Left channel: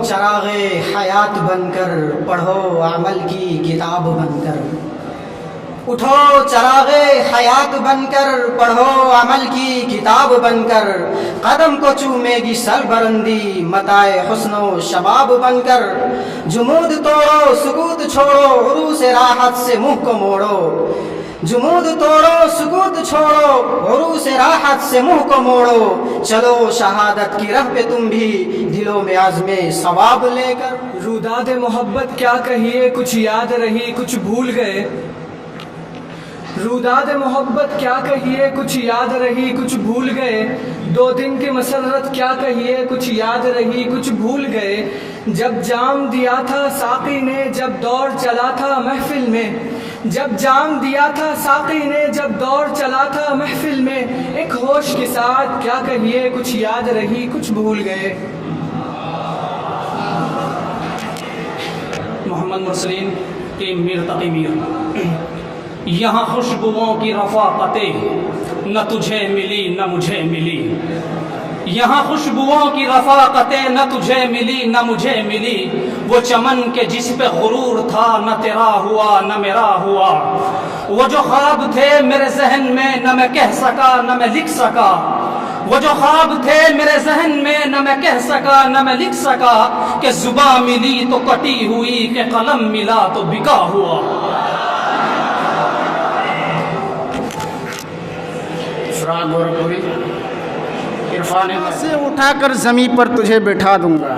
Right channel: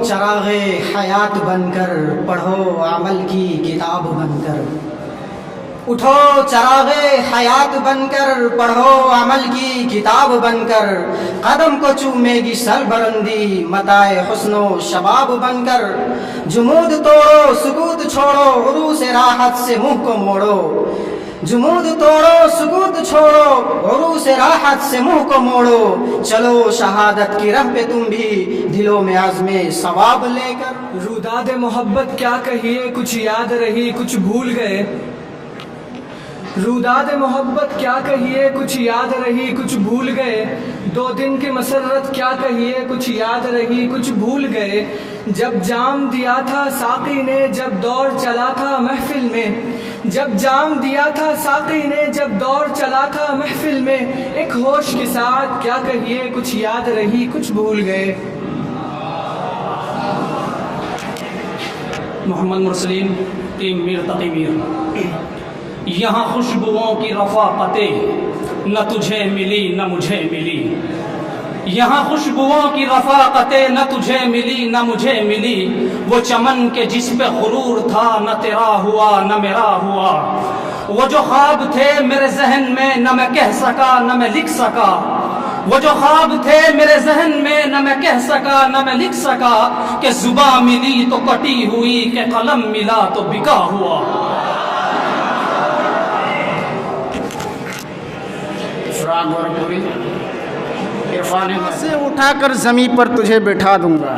चरागे हयात बनकर, पढ़ो अमल की किताब बनकर। उठो चरागे हयात बनकर, पढ़ो अमल की किताब बनकर। कदम को चूमेगी सलबरंदी, मताए हुस्नो शबाब बनकर। जुमूद तोड़ो सुकूत छोड़ो, उरूस राहत से मुंह को मोड़ो। जुमूद तोड़ो सुकूत छोड़ो, उरूस राहत से मुंह को मोड़ो। चलो शहादत की राह पे तुम भी, दिलों में आज़मे सवाब लेकर। रूदाद मोहब्बत क्या कहिए, कुछ याद रही कुछ भूल गए। रूदाद मोहब्बत क्या कहिए, कुछ याद रही कुछ भूल गए। 2 दिन की मसरत क्या कहिए, कुछ याद रही कुछ भूल गए। जब जाम दिया था साक़ी ने, जब दौर चला था महफिल में। जब जाम दिया था साक़ी ने, जब दौर चला था महफिल में। एक होश के साथ क्या कहिए, कुछ याद रही कुछ भूल गए। मोहम्मद मुरसलीन टीम मीर तकी मीर। यहाँ खुशबुओं की रफ़ाक़तें न तुझे मिली न मुझे मिली। यहाँ खुशबुओं की रफ़ाक़तें न तुझे मिली न मुझे मिली। वो चमन के जिस पे गुरूर था, न तेरा हुआ न मेरा हुआ। वो जो ख्वाब थे मेरे जहन में, न मैं कह सका न मैं लिख सका। वो जो ख्वाब थे मेरे जहन में, न मैं कह सका न मैं लिख सका। कि जुबां मिली तो कटी हुई, कि कलम मिला तो बिका हुआ। फ़िराक़ गोरखपुरी। इरफान से उठाकर ज़मीं पर तुझे बैठा दूंगा,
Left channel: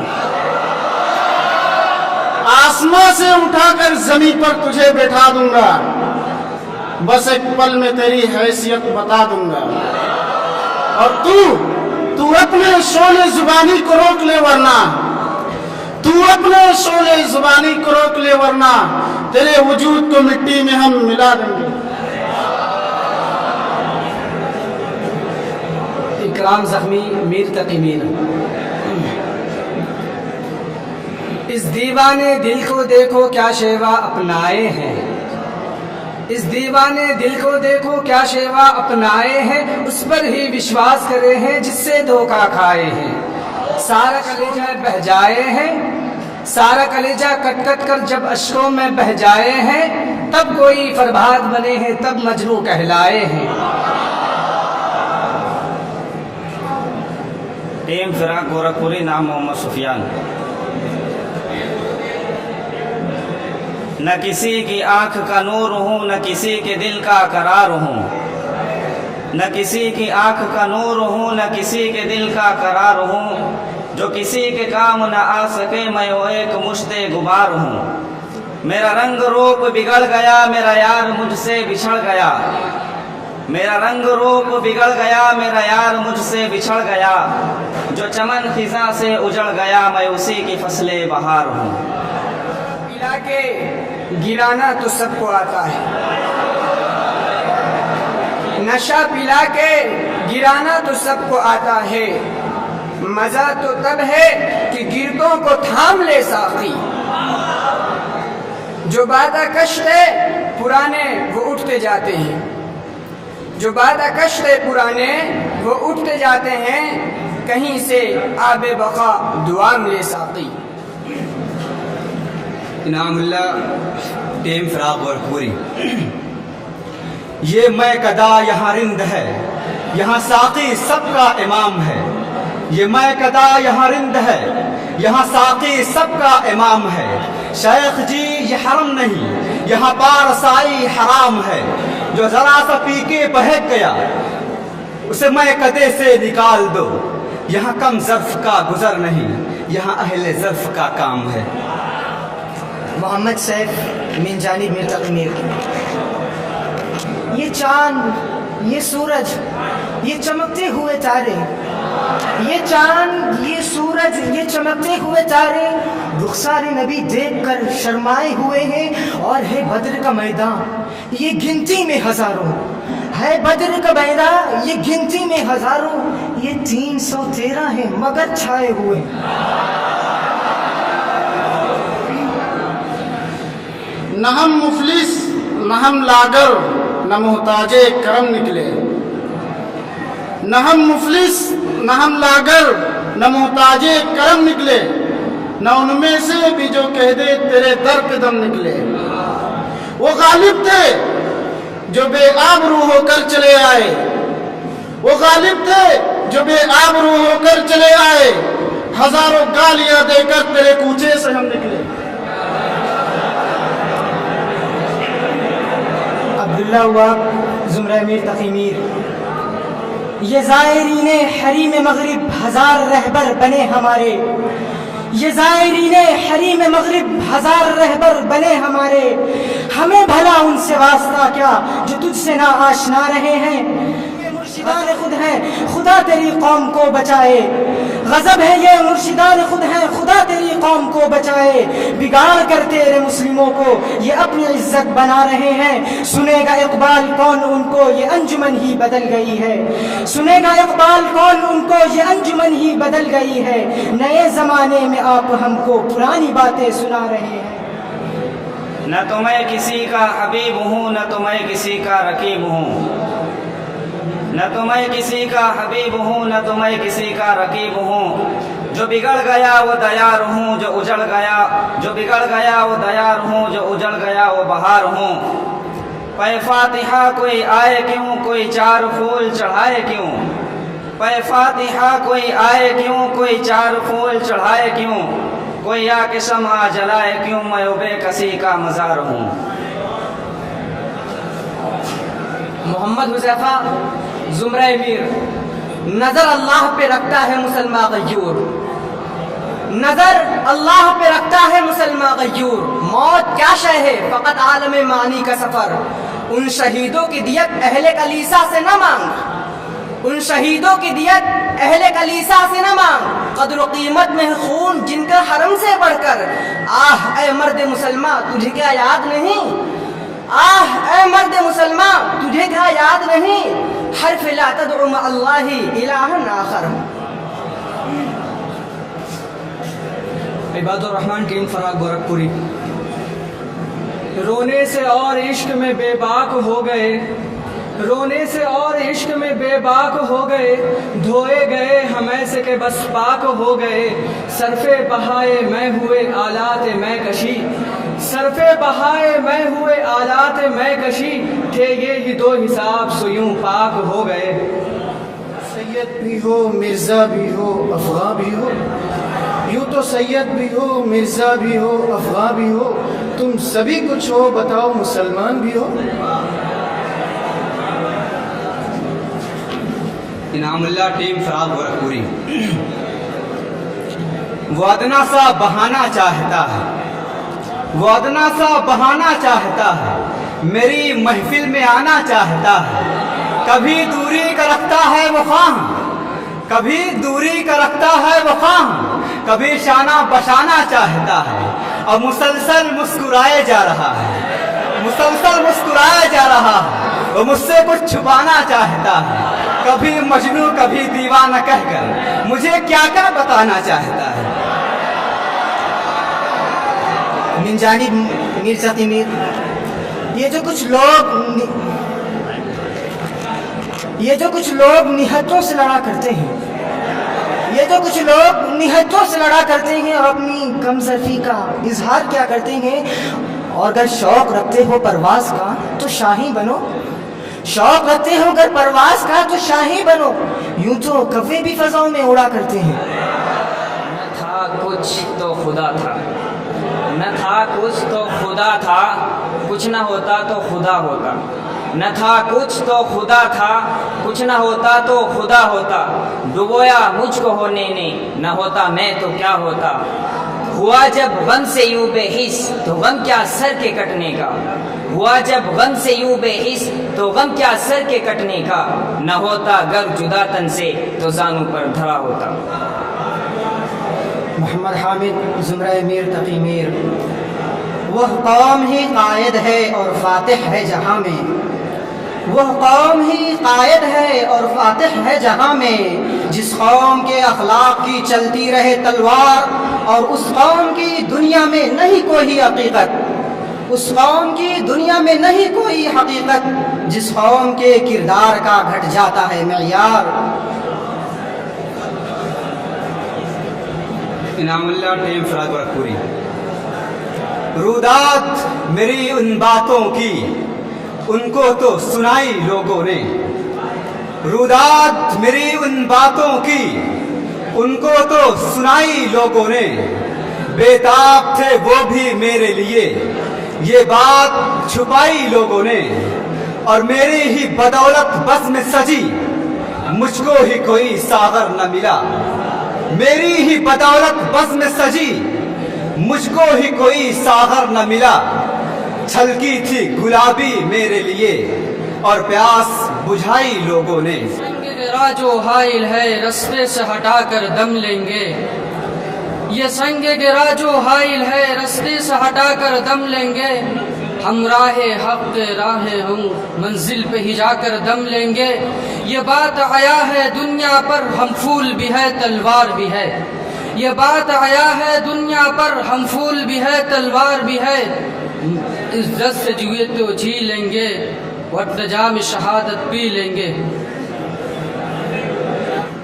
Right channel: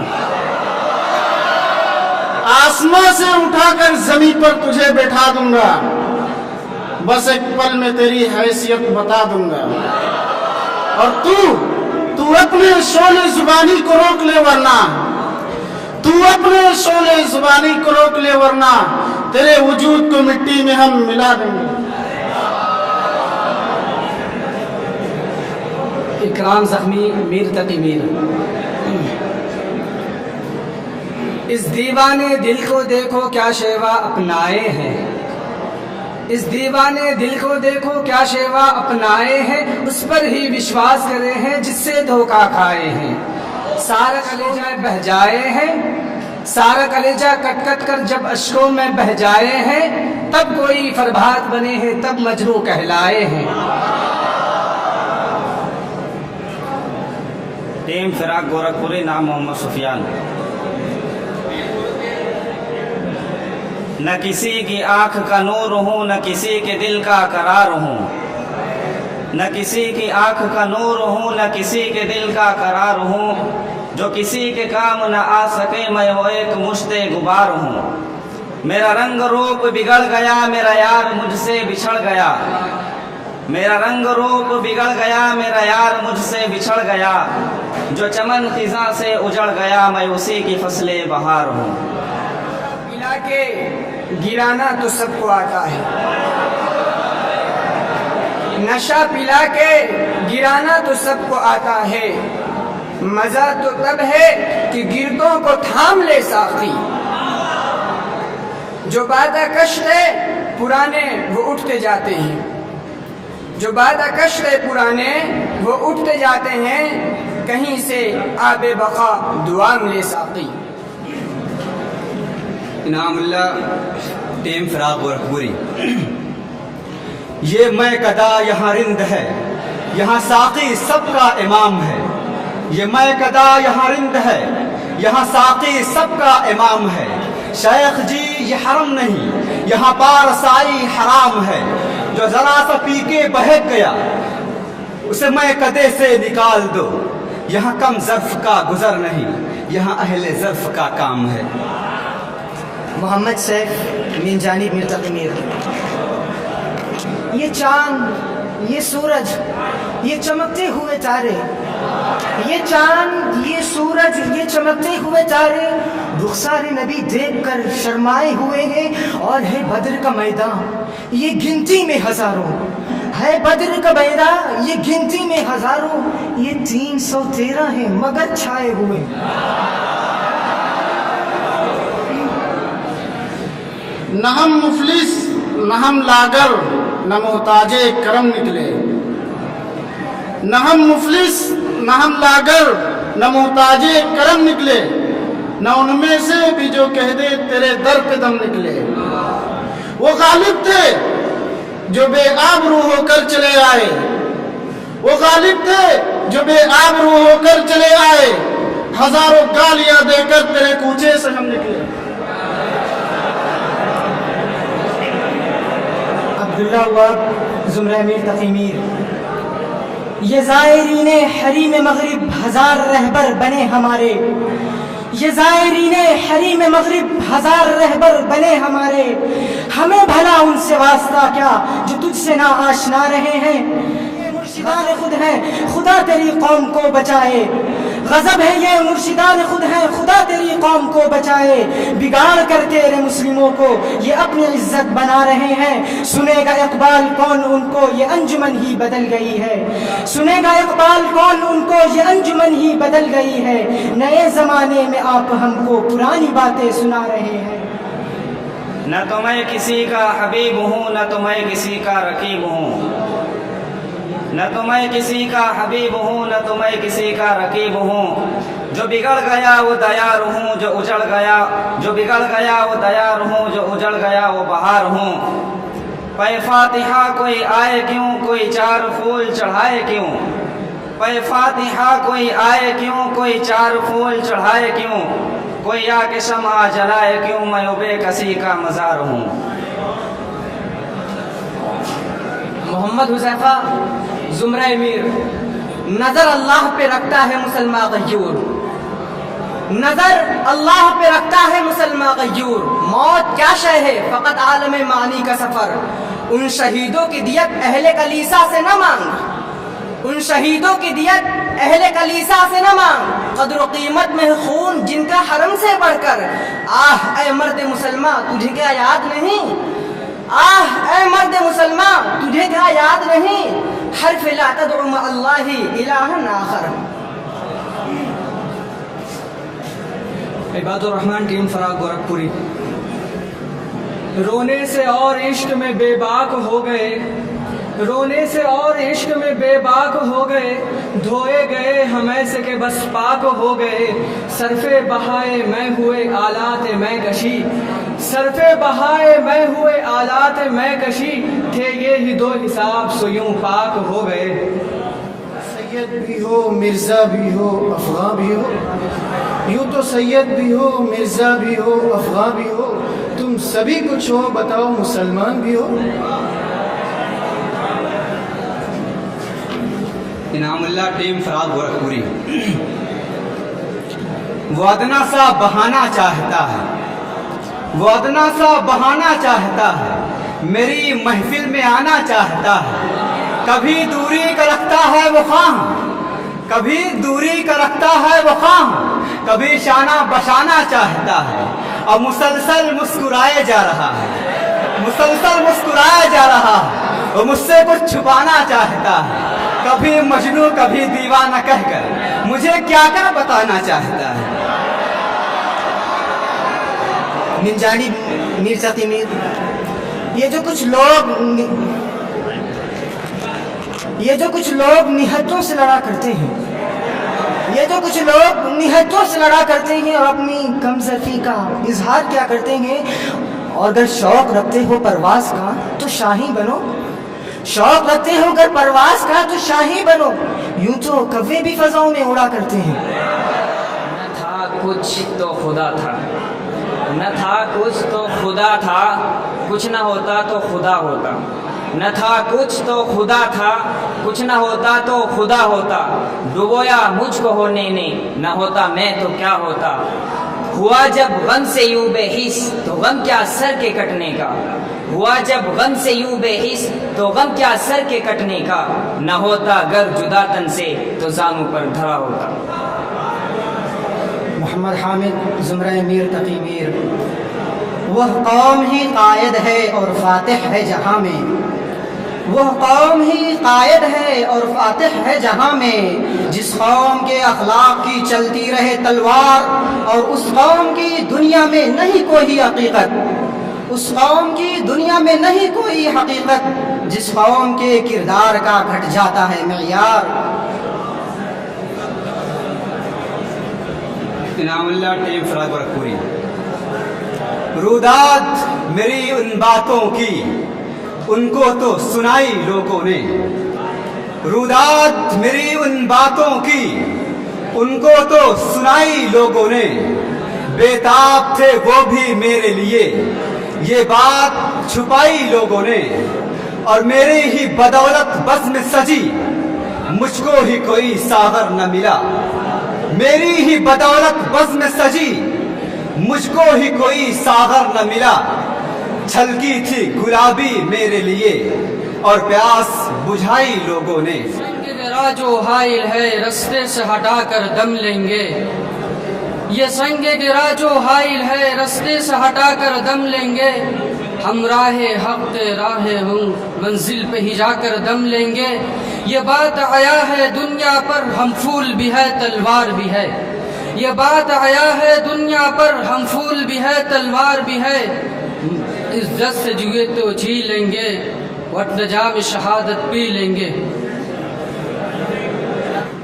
आसमां से उठाकर ज़मीं पर तुझे बैठा दूंगा। बस एक पल में तेरी हैसियत बता दूंगा। और तू अपने शोले ज़ुबानी को रोक ले, वरना तू अपने शोले ज़ुबानी को रोक ले, वरना तेरे वजूद को मिट्टी में हम मिला देंगे। इकराम ज़ख्मी मीर तकी मीर। इस दीवाने दिल को देखो क्या शेवा अपनाए हैं। इस दीवाने दिल को देखो क्या शेवा अपनाए हैं। उस पर ही विश्वास करे हैं जिससे धोखा खाए हैं। सारा कलेजा बह जाए हैं, सारा कलेजा कट कट कर जब अश्कों में बह जाए हैं। तब कोई फरहाद बने हैं, तब मजनू कहलाए हैं। टीम फ़िराक़ गोरखपुरी। नाम मोहम्मद सुफियान। न किसी की आँख का नूर हूँ, न किसी के दिल का करार हूँ। न किसी की आँख का नूर हूँ, न किसी के दिल का करार हूँ। जो किसी के काम न आ सके, मैं वो एक मुश्ते गुबार हूँ। मेरा रंग रूप बिगड़ गया, मेरा यार मुझसे बिछड़ गया। मेरा रंग रूप बिगड़ गया, मेरा यार मुझसे बिछड़ गया। जो चमन खिज़ा से उजड़ गया, मैं उसी की फसले बहार हूँ। पिला के गिराना तो सबको आता है, नशा पिला के गिराना तो सबको आता है। मज़ा तो तब है कि गिरतों को थाम ले साक़ी। जो बादा कश्त है पुराने वो उठते जाते हैं। जो बादा कश्त है पुराने वो उठते जाते हैं। कहीं से आबे बका दुआ मिले साक़ी। इनामुल्लाह टीम फ़िराक़ गोरखपुरी। ये मैं कदा यहाँ रिंद है, यहाँ साक़ी सबका इमाम है। ये मैं कदा यहाँ रिंद है, यहाँ साक़ी सबका इमाम है। शेख जी ये हरम नहीं, यहाँ पारसाई हराम है। जो ज़रा सा पी के बहक गया, उसे मैं कदे से निकाल दो। यहाँ कम ज़र्फ़ का गुज़र नहीं, यहाँ अहले ज़र्फ़ का काम है। मोहम्मद सैफ मिन जानिब मीर तकी मीर। ये चाँद, ये सूरज, ये चमकते हुए तारे, ये चाँद, ये सूरज, ये चमकते हुए तारे रुखसारे नबी देखकर शर्माए हुए हैं। और है बद्र का मैदान, ये गिनती में हज़ारों है। बद्र का मैदान ये गिनती में हज़ारों। ये 313 है मगर छाए हुए। न हम मुफलिस न हम लागर, न मोहताजे करम निकले। न हम मुफलिस न हम लागर, न मोहताजे करम निकले। न उनमें से भी जो कह दे तेरे दर पे दम निकले। वो गालिब थे जो बेआबरू होकर चले आए, वो गालिब थे जो बेआबरू होकर चले आए, हजारों गालियां देकर तेरे कूचे से हम निकले। अब्दुल्ला वहाब ज़ुमरा मीर तकी मीर। ये ज़ायरीन हरीम मगरिब हजार रहबर बने हमारे, ये ज़ायरीन हरीम मगरिब हजार रहबर बने हमारे। हमें भला उनसे वास्ता क्या जो तुझसे ना आशना रहे हैं। ये मुर्शिदान खुद हैं, खुदा तेरी कौम को बचाए। गजब है ये मुर्शिदान खुद हैं, खुदा तेरी कौम को बचाए। बिगाड़ कर तेरे मुस्लिमों को ये अपनी इज्जत बना रहे हैं। सुनेगा इकबाल कौन उनको, ये अंजुमन ही बदल गई है। सुनेगा इकबाल कौन उनको, ये अंजुमन ही बदल गई है। नए जमाने में आप हमको पुरानी बातें सुना रहे हैं। न तो मैं किसी का हबीब हूँ, न तो मैं किसी का रकीब हूँ, न तो मैं किसी का हबीब हूँ, न तो मैं किसी का रकीब हूँ। जो बिगड़ गया वो दयार हूँ, जो उजड़ गया, जो बिगड़ गया वो दयार हूँ, जो उजड़ गया वो बहार हूँ। पै फातिहा कोई आए क्यों, कोई चार फूल चढ़ाए क्यों। पै फातिहा कोई आए क्यों, कोई चार फूल चढ़ाए क्यों। कोई आके शम्आ जलाए क्यों, मैं बेकसी का मज़ार हूँ। मोहम्मद हुज़ैफा ज़ुमरा मीर। नज़र अल्लाह पे रखता है मुसलमान गयूर, नज़र अल्लाह पे रखता है मुसलमान गयूर। मौत क्या शय है फ़कत आलम मानी का सफ़र। उन शहीदों की दियत अहले कलीसा से न मांग, उन शहीदों की दियत अहले कलीसा से न मांग। कद्र कीमत में है खून जिनका हरम से बढ़कर। आह ए मर्द मुसलमान तुझे क्या याद नहीं, आह ए मर्द मुसलमान तुझे क्या याद नहीं। हर्फ ला तदउ मा अल्लाहि इलाहन आखर। इबादुर रहमान टीम फराग गोरखपुरी। रोने से और इश्क में बेबाक हो गए, रोने से और इश्क में बेबाक हो गए। धोए गए हम ऐसे के बस पाक हो गए। सरफे बहाए मैं हुए आलात मैं कशी, सरफे बहाए मैं हुए आलात मैं कशी। थे ये ही दो हिसाब सो यूं पाक हो गए। सैयद भी हो मिर्ज़ा भी हो अफ़ग़ा भी हो, यूँ तो सैयद भी हो मिर्ज़ा भी हो अफ़ग़ा भी हो। तुम सभी कुछ हो बताओ मुसलमान भी हो। इनामुल्लाह टीम फराग गोरखपुरी। वो अदना सा बहाना चाहता है, वो अदना सा बहाना चाहता है, मेरी महफिल में आना चाहता है। कभी दूरी का रखता है वो ख़्वाह, कभी दूरी का रखता है वो ख़्वाह, कभी शाना बशाना चाहता है। अब मुसलसल मुस्कुराए जा रहा है, मुसलसल मुस्कुराया जा रहा है। वो मुझसे कुछ छुपाना चाहता है, कभी मजनू कभी दीवाना कहकर मुझे क्या क्या बताना चाहता है। मिन जानिब मीर तकी मीर। ये जो कुछ लोग निहत्तों से लड़ा करते हैं, ये जो कुछ लोग निहत्तों से लड़ा करते हैं और अपनी कमजोरी का इजहार क्या करते हैं। और अगर शौक रखते हो परवाज का तो शाही बनो, शौक रखते हो अगर परवाज का तो शाही बनो। यूं तो कव्वे भी फजाओं में उड़ा करते हैं। न था कुछ तो खुदा था, न था कुछ तो खुदा था, कुछ न होता तो खुदा होता। न था कुछ तो खुदा था, कुछ न होता तो खुदा होता। डुबोया मुझको होने ने, न होता मैं तो क्या होता। हुआ जब गम से यूं बेहिस तो गम क्या सर के कटने का। हुआ जब गम से यूं बेहिस तो गम क्या सर के कटने का। न होता गर जुदा तन से तो जानू पर धरा होता। मोहम्मद हामिद ज़ुमरा मीर तकी मीर। वह कौम ही कायद है और फातिह है जहाँ में, वह कौम ही कायद है और फातिह है जहाँ में। जिस कौम के अखलाक की चलती रहे तलवार और उस कौम की दुनिया में नहीं कोई हकीकत, उस कौम की दुनिया में नहीं कोई हकीकत। जिस कौम के किरदार का घट जाता है मेयार। इनामुल्लाह टीम फराग गोरखपुरी। रुदाद मेरी उन बातों की उनको तो सुनाई लोगों ने, रुदाद मेरी उन बातों की उनको तो सुनाई लोगों ने, बेताब थे वो भी मेरे लिए ये बात छुपाई लोगों ने, और मेरी ही बदौलत बस में सजी मुझको ही कोई सागर न मिला, मेरी ही बदौलत बस में सजी मुझको ही कोई सागर न मिला, छलकी थी गुलाबी मेरे लिए और प्यास बुझाई लोगों ने। संग गिरा जो हाइल है रास्ते से हटाकर दम लेंगे, ये संग गिरा जो हाइल है रास्ते से हटाकर दम लेंगे, हम राहे हक के राहे हूँ मंजिल पे ही जाकर दम लेंगे, ये बात आया है दुनिया पर हम फूल भी है तलवार भी है, ये बात आया है दुनिया पर हम फूल भी है तलवार भी है, इज्जत से जुए तो जी लेंगे वक्त जाम शहादत पी लेंगे।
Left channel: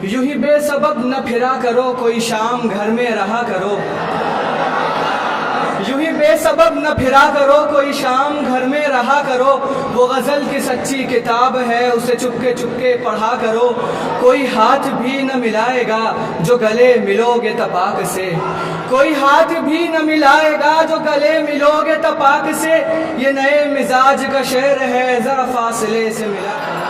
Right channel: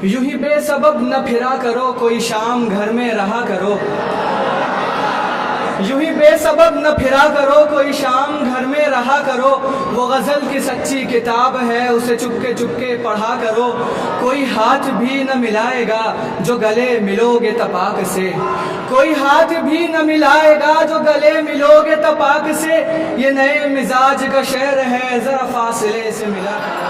यूं ही बेसबब न फिरा करो कोई शाम घर में रहा करो, यूं ही बेसबब न फिरा करो कोई शाम घर में रहा करो, वो गज़ल की सच्ची किताब है उसे चुपके चुपके पढ़ा करो, कोई हाथ भी न मिलाएगा जो गले मिलोगे तपाक से, कोई हाथ भी न मिलाएगा जो गले मिलोगे तपाक से, ये नए मिजाज का शेर है जरा फासले से मिला करो।